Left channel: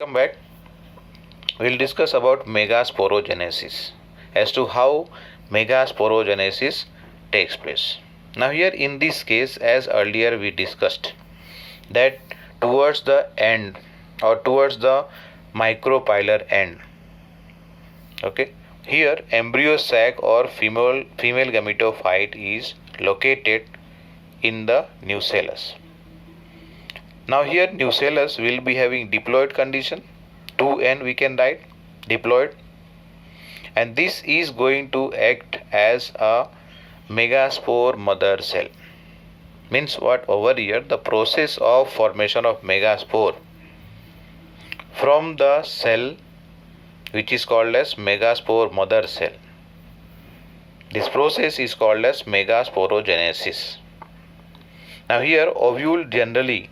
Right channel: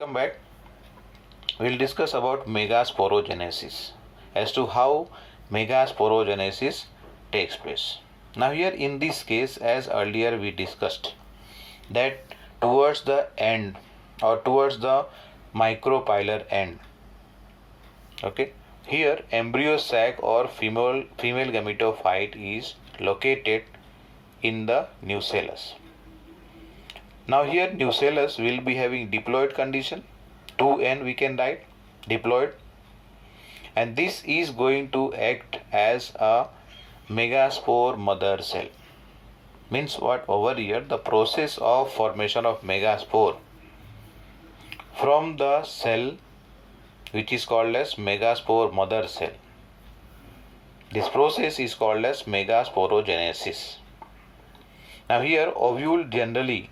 Come back. We'll discuss about megasporogenesis as to how megasporogenesis takes place. Now here in this case, as earlier we discussed, that towards the end or towards the micropylar end, okay, here embryo sac or female gametophyte is located in the nucellus. Now here nucellus will be having diploid condition, 2n we can write diploid, and this is going to act as a megaspore mother cell. Means what? Over here the process of formation of megaspore from the cell which is called as megaspore mother cell. This process is called as megasporogenesis. Now here ovule generally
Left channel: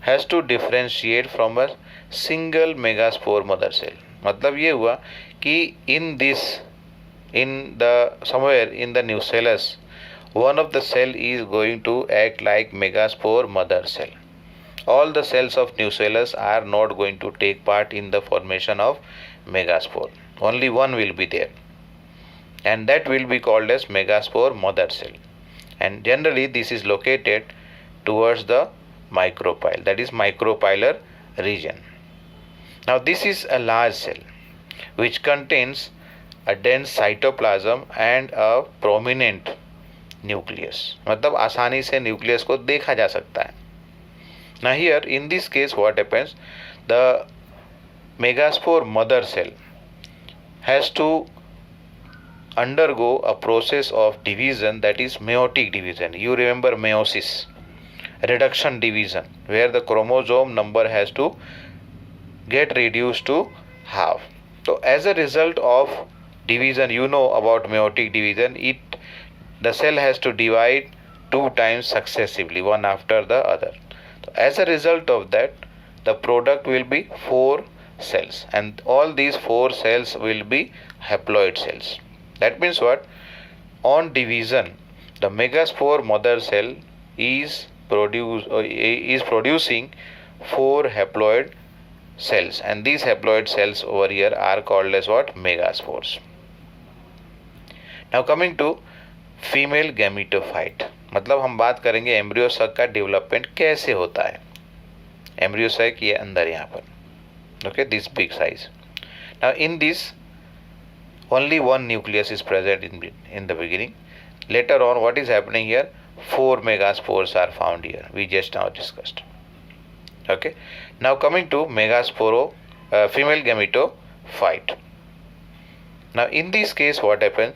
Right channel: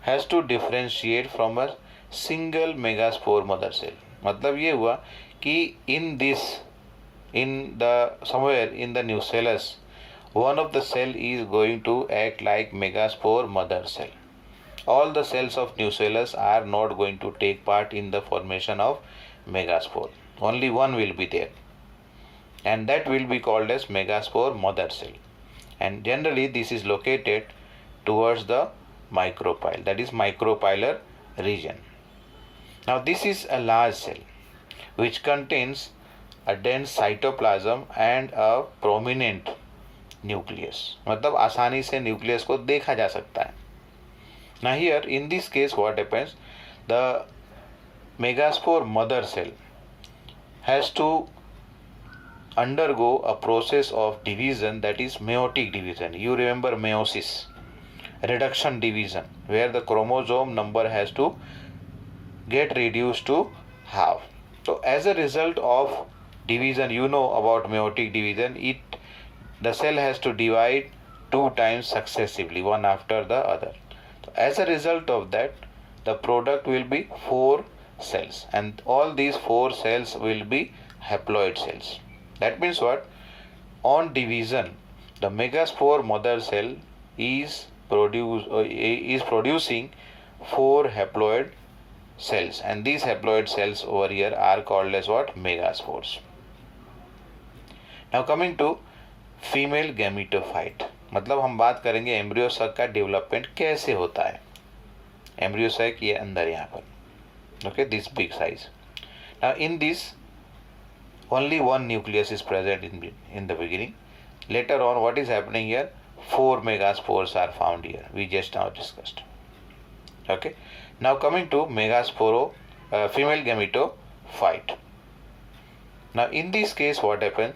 has to differentiate from a single megaspore mother cell. मतलब ये हुआ कि somewhere in the nucellus, one of the cell is going to act like megaspore mother cell. All the cells of nucellus are not going to take part in the formation of megaspore. Only one will be there, and that will be called as megaspore mother cell. And generally this is located towards the micropyle, that is micropylar region. Now this is a large cell which contains a dense cytoplasm and a prominent nucleus. मतलब आसानी से nucleus को देखा जा सकता है. Now here in this case what happens, the megaspore mother cell has to undergo a process of division, that is meiotic division. You remember meiosis, reduction division, where the chromosome number has to get reduced to half. So as a result of division, you know about meiotic division, the cell has to divide 2 times successively, one after the other. So as a result of that, the product will be 4 cells, and all these 4 cells will be haploid cells. That means what? On division, the megaspore mother cell is producing 4 haploid cells, and these haploid cells over here are called as what? Megaspores. Now coming to female gametophyte, मतलब हम बात करेंगे embryo sac का development कैसे होता है. Embryo sac ये अंदर यहाँ पर, okay, this big size. Now in this only one nucleus is present in the beginning. Later on what is happening here? 4 megaspores are found here, we just now discussed. Okay, now coming to female gametophyte. Now in this case what happens?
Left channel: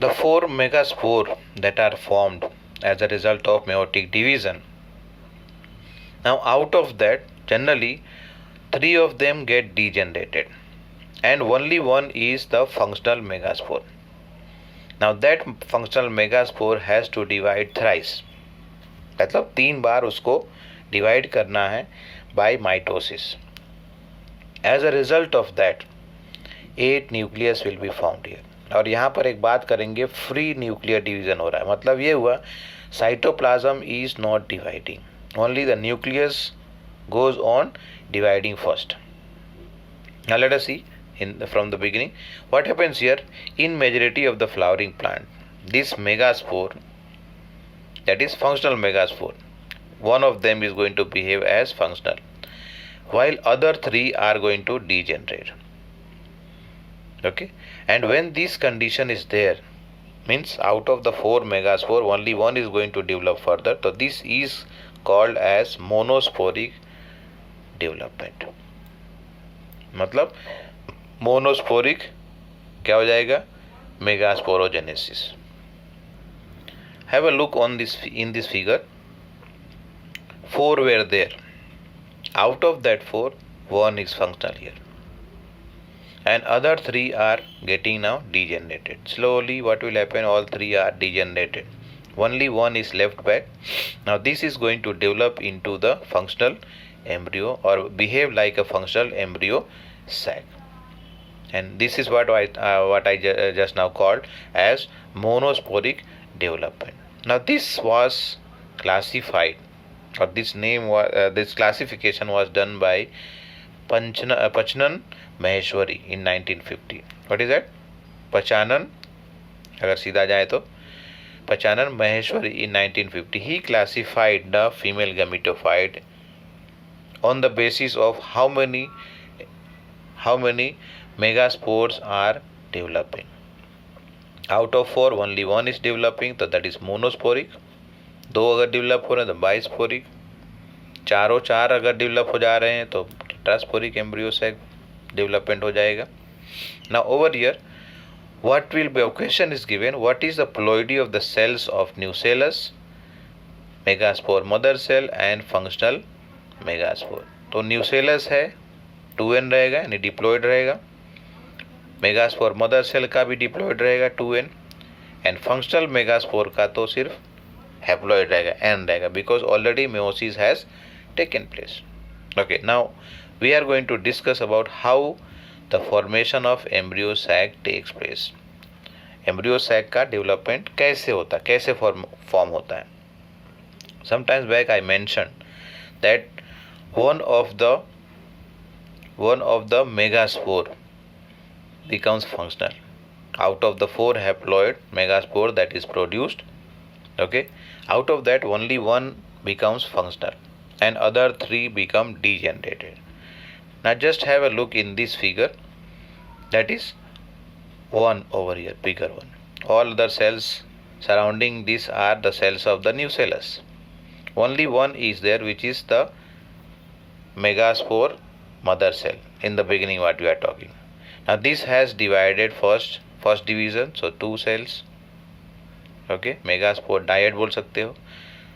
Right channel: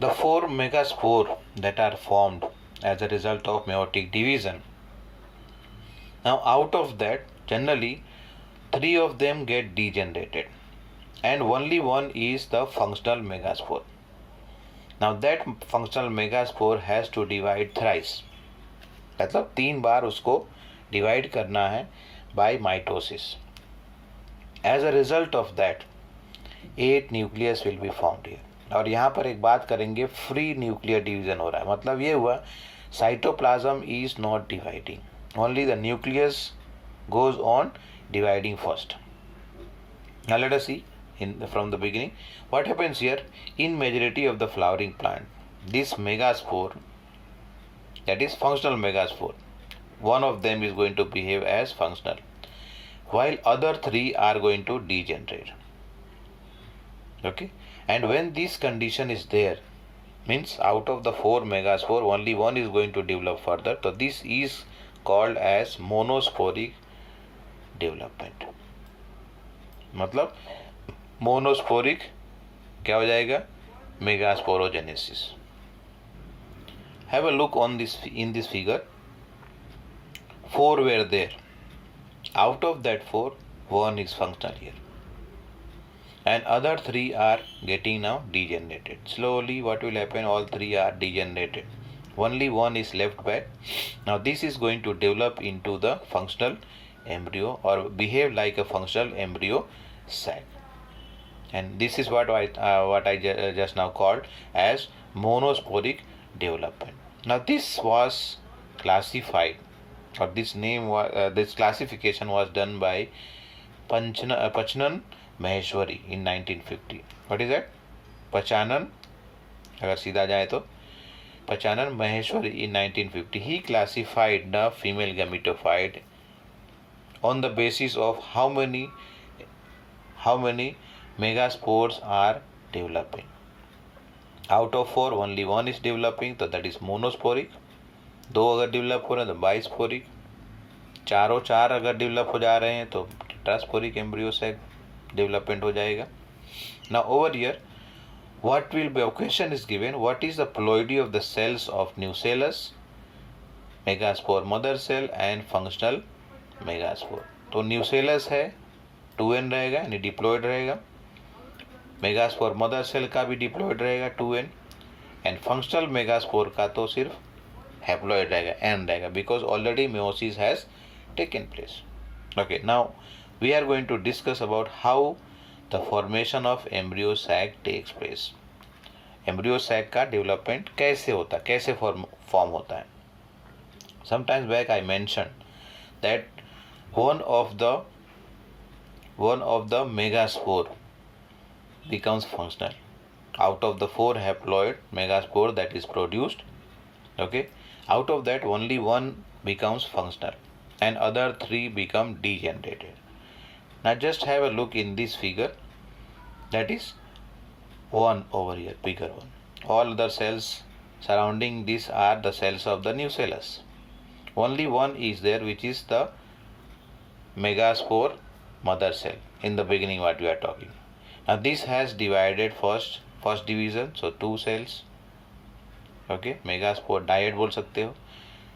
The 4 megaspore that are formed as a result of meiotic division. Now out of that, generally 3 of them get degenerated, and only one is the functional megaspore. Now that functional megaspore has to divide thrice, मतलब 3 बार उसको divide करना है by mitosis. As a result of that, 8 nucleus will be found here. और यहाँ पर एक बात करेंगे, फ्री न्यूक्लियर डिवीजन हो रहा है. मतलब ये हुआ cytoplasm is not dividing, only the nucleus goes on dividing first. Now let us see from the beginning what happens here. In majority of the flowering plant, this megaspore, that is functional megaspore, one of them is going to behave as functional, while other 3 are going to degenerate. Okay, and when this condition is there, means out of the 4 megaspore only one is going to develop further, so this is called as monosporic development. मतलब monosporic क्या हो जाएगा? Megasporogenesis. Have a look on this in this figure. 4 were there. Out of that 4, 1 is functional here, and other 3 are getting now degenerated. Slowly what will happen? All 3 are degenerated. Only 1 is left back. Now this is going to develop into the functional embryo or behave like a functional embryo sac. And this is what I just now called as monosporic development. Now this was classified or this classification was done by Panchanan Maheshwari in 1950. What is that? Panchanan, अगर सीधा जाए तो Panchanan Maheshwari in 1950. He classified the female gametophyte on the basis of how many megaspores are developing. Out of 4 only 1 is developing, तो that is monosporic. 2 अगर develop हो रहे हैं तो बाइस्पोरिक, चारों 4 अगर डेवलप हो जा रहे हैं तो टेट्रास्पोरिक एम्ब्रियो सैक डेवलपमेंट हो जाएगा. Now over here what will be question is given, what is the ploidy of the cells of nucellus, megaspore mother cell and functional megaspore. तो nucellus है 2n रहेगा यानी डिप्लॉयड रहेगा, megaspore mother cell का भी diploid रहेगा 2n, and functional megaspore का तो सिर्फ हैप्लॉयड रहेगा n रहेगा, because already meiosis has taken place. Okay, now we are going to discuss about how the formation of embryo sac takes place. Embryo sac का development कैसे होता है, कैसे फॉर्म होता है. Sometimes back I mention that one of the megaspore becomes functional. Out of the 4 haploid megaspore that is produced, okay, out of that only 1 becomes functional and other 3 become degenerated. Now just have a look in this figure, that is 1 over here, bigger one. All the cells surrounding this are the cells of the nucellus. Only 1 is there, which is the megaspore mother cell in the beginning what we are talking. Now this has divided first division, so 2 cells, okay, megaspore dyad बोल सकते हो.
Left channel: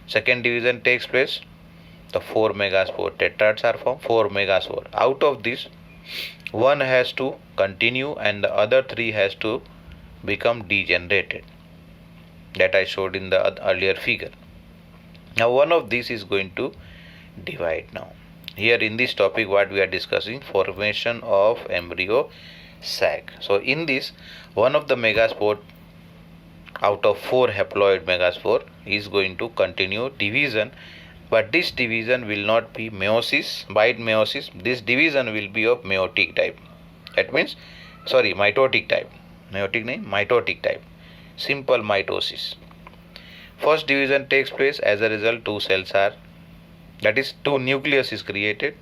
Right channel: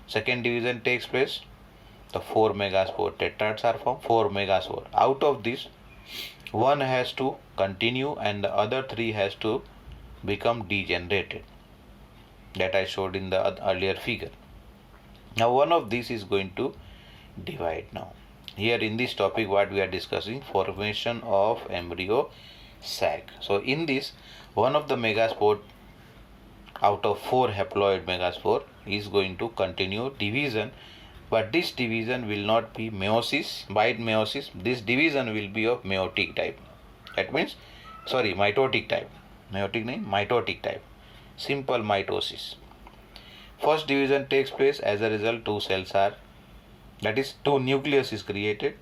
Second division takes place, the 4 megaspore tetrads are formed, 4 megaspore. Out of this 1 has to continue and the other 3 has to become degenerated, that I showed in the earlier figure. Now one of these is going to divide. Now here in this topic what we are discussing, formation of embryo sac. So in this, one of the megaspore out of 4 haploid megaspore is going to continue division, but this division will not be meiosis, by meiosis. This division will be of meiotic type. That means, sorry, mitotic type. Meiotic nahi, mitotic type. Simple mitosis. First division takes place, as a result 2 cells are, that is 2 nucleus is created.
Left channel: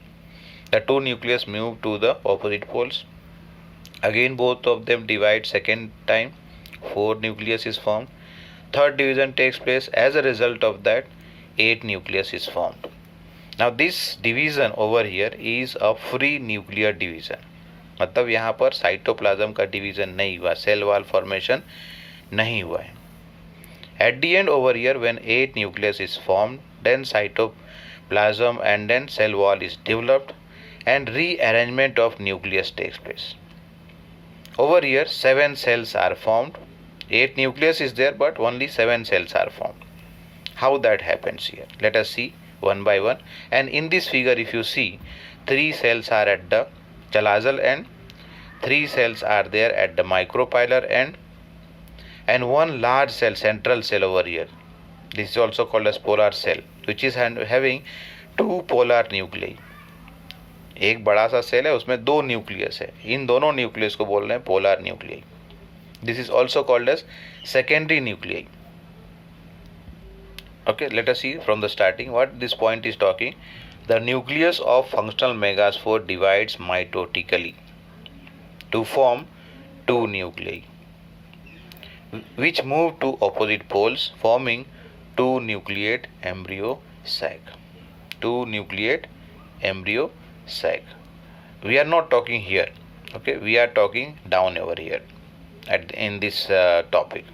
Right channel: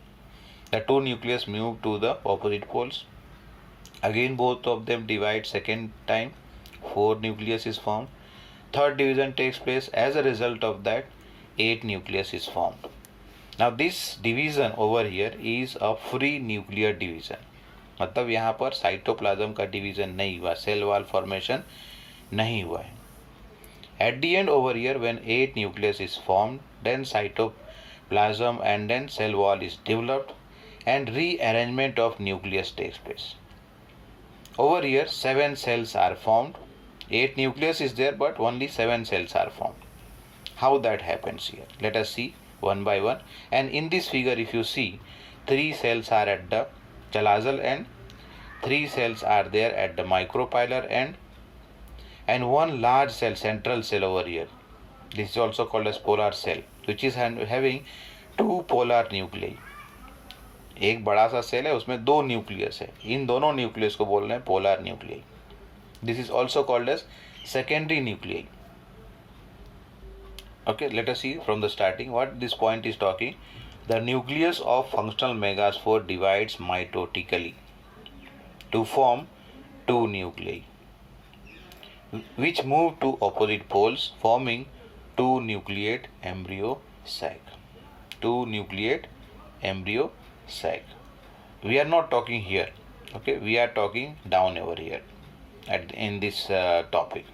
The 2 nucleus move to the opposite poles. Again both of them divide second time, 4 nucleus is formed. Third division takes place, as a result of that 8 nucleus is formed. Now this division over here is a free nuclear division. मतलब यहाँ पर cytoplasm का division नहीं हुआ, cell wall formation नहीं हुआ है. At the end over here, when 8 nucleus is formed, then cytoplasm and then cell wall is developed and rearrangement of nucleus takes place. Over here 7 cells are formed. 8 nucleus is there, but only 7 cells are formed. How that happens here? Let us see one by one. And in this figure, if you see, 3 cells are at the chalazal end, 3 cells are there at the micropylar end, and 1 large cell, central cell over here. This is also called as polar cell, which is having 2 polar nuclei. एक बड़ा सा cell है, उसमें 2 nucleus है. इन दोनों nucleus को बोल रहे हैं polar nuclei. This is also called as secondary nuclei. Okay, let us see from the starting what this point is talking. The nucleus of functional megaspore divides mitotically to form 2 nuclei, which move to opposite poles, forming 2 nucleate embryo sac. 2 nucleate embryo sac. We are not talking here. Okay, we are talking down over here in this topic.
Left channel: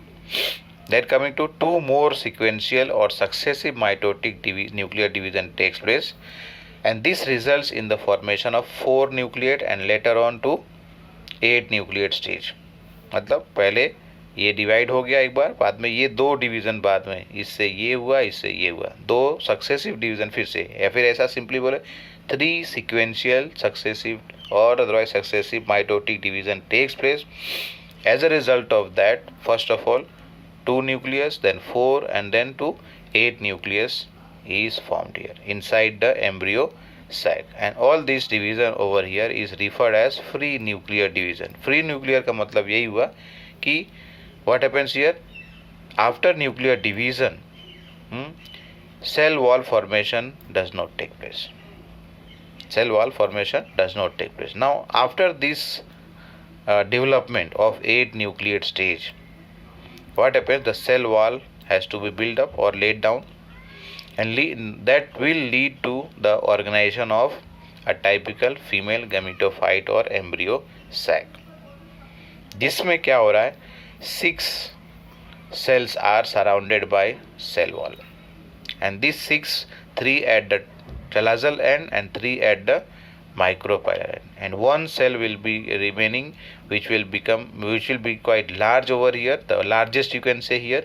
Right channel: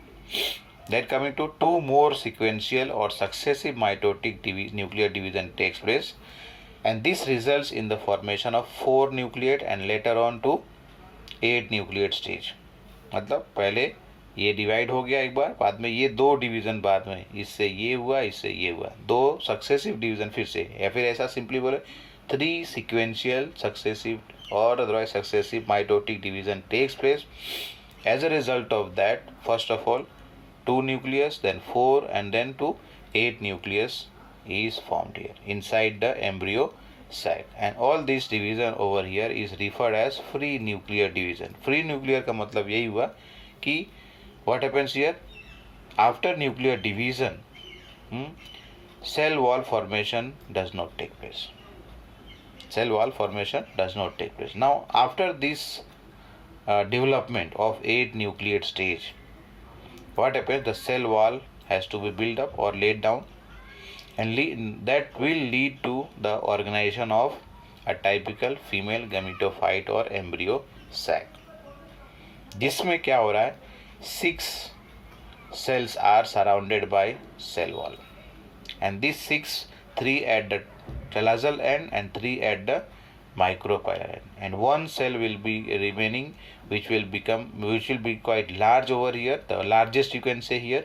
Then coming to 2 more sequential or successive mitotic nuclear division takes place, and this results in the formation of 4 nucleate and later on to 8 nucleate stage. मतलब पहले ये divide हो गया एक बार, बाद में ये 2 division, बाद में इससे ये हुआ, इससे ये हुआ, 2 सक्सेसिव डिवीजन फिर से, या फिर ऐसा सिंपली बोले 3 sequential successive or otherwise successive mitotic division takes place. As a result of that, first of all 2 nucleus, then 4, and then to 8 nucleus is formed here inside the embryo sac, and all this division over here is referred as free nuclear division. Free nuclear का मतलब यही हुआ कि what happens here after nuclear division, cell wall formation does not take place. Cell wall formation does not take place. Now after this development of 8 nucleate stage, what happens? The cell wall has to be built up or laid down, and that will lead to the organization of a typical female gametophyte or embryo sac. जिसमें क्या हो रहा है? 6 cells are surrounded by cell wall, and these 6, 3 at the chalazal end and 3 at the micropylar end, and one cell will be remaining which will be quite large over here, the largest you can say here,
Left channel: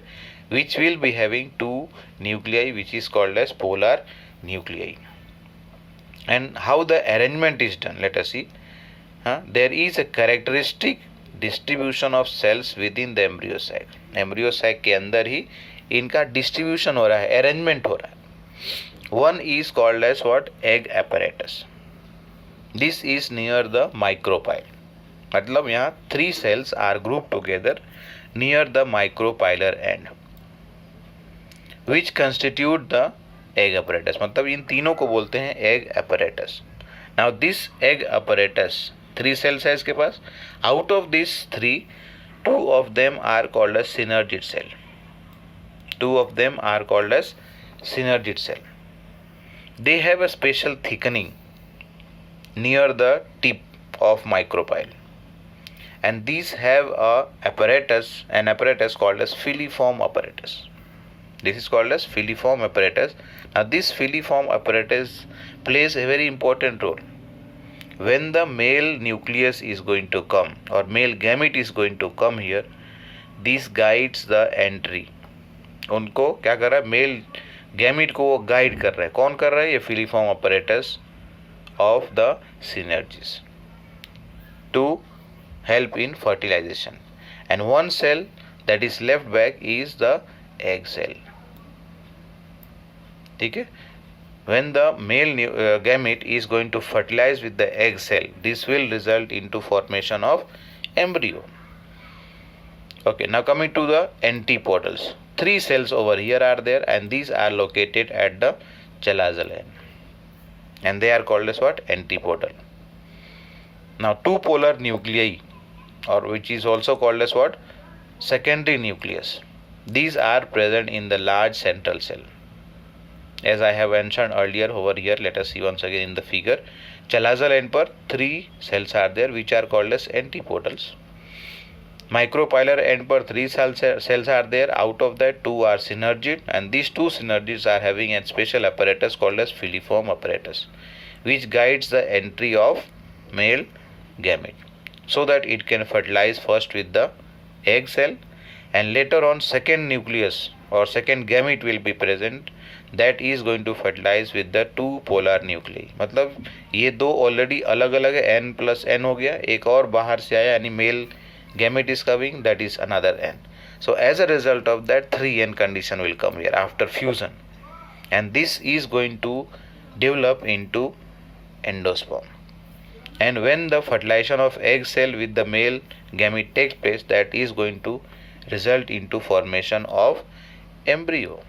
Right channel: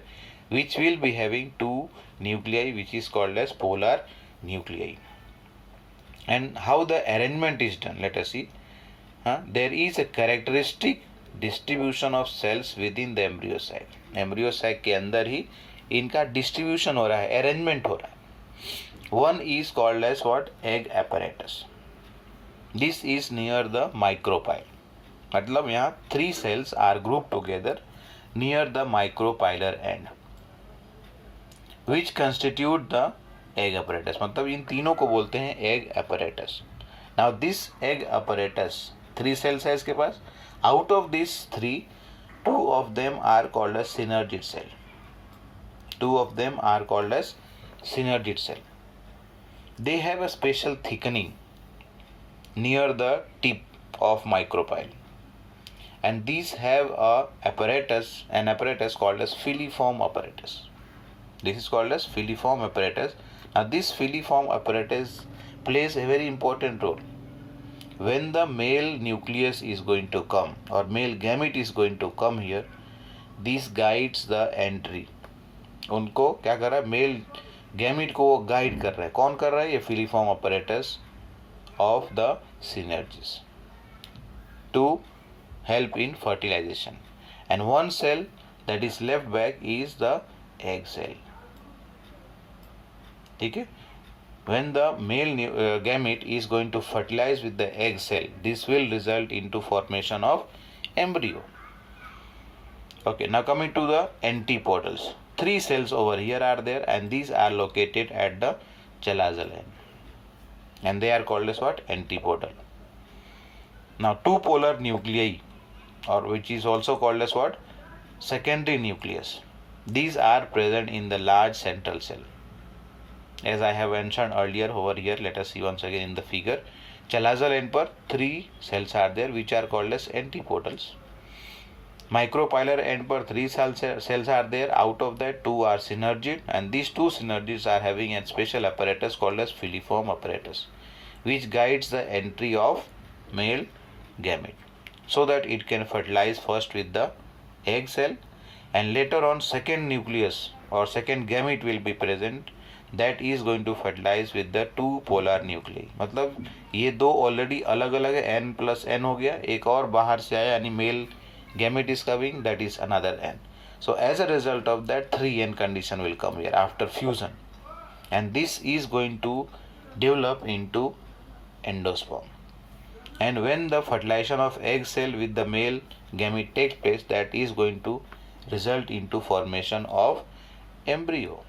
which will be having 2 nuclei which is called as polar nuclei. And how the arrangement is done, let us see. There is a characteristic distribution of cells within the embryo sac. Embryo sac के अंदर ही इनका distribution हो रहा है, arrangement हो रहा है. One is called as what? Egg apparatus. This is near the micropyle. मतलब यहाँ 3 cells are grouped together near the micropylar end, which constitute the egg apparatus. मतलब इन तीनों को बोलते हैं egg apparatus. Now this egg apparatus, 3 cells है इसके पास. Out of these 3, 2 of them are called as synergid cell. 2 of them are called as synergid cell. They have a special thickening near the tip of micropyle, and these have an apparatus called as filiform apparatus. This is called as filiform apparatus. Now this filiform apparatus plays a very important role. When the male nucleus is going to come or male gamete is going to come here, this guides the entry. उनको क्या कर रहा है? Male gamete को वो guide कर रहा है. कौन कर रहा है? ये filiform apparatus of the synergids to help in fertilization. And one cell that is left back is the egg cell. ठीक है? When the male gamete is going to fertilize with the egg cell, this will result into formation of embryo. Okay, now coming to the antipodals. 3 cells over here are there, and these are located at the chalazal end, and they are called as what? Antipodal. Now 2 polar nuclei, or which is also called as what? Secondary nucleus. These are present in the large central cell. As I have mentioned earlier over here, let us see once again in the figure. Chalazal end पर 3 cells are there which are called as antipodals. Micropylar end पर 3 cells are there. Out of that 2 are synergid, and these 2 synergids are having a special apparatus called as filiform apparatus, which guides the entry of male gamete so that it can fertilize first with the egg cell, and later on second nucleus or second gamete will be present that is going to fertilize with the 2 polar nuclei. मतलब ये 2 already अलग अलग है, n plus n हो गया, एक और बाहर से आया यानी mail gamete is coming, that is another n. So as a result of that 3n condition will come here after fusion, and this is going to develop into endosperm. And when the fertilization of egg cell with the male gamete takes place, that is going to result into formation of embryo.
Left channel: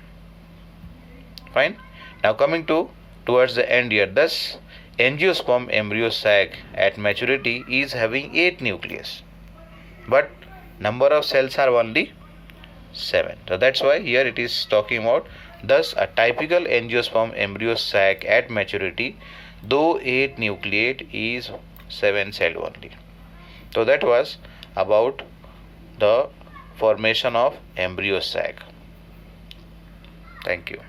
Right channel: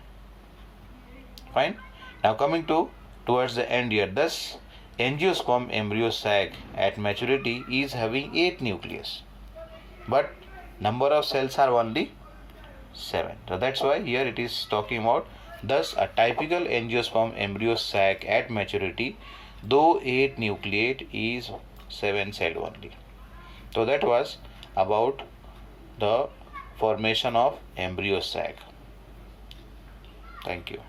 Fine. Now coming towards the end here, thus angiosperm embryo sac at maturity is having 8 nucleus, but number of cells are only 7. So that's why here it is talking about, thus a typical angiosperm embryo sac at maturity, though 8 nucleate, is 7 celled only. So that was about the formation of embryo sac. Thank you.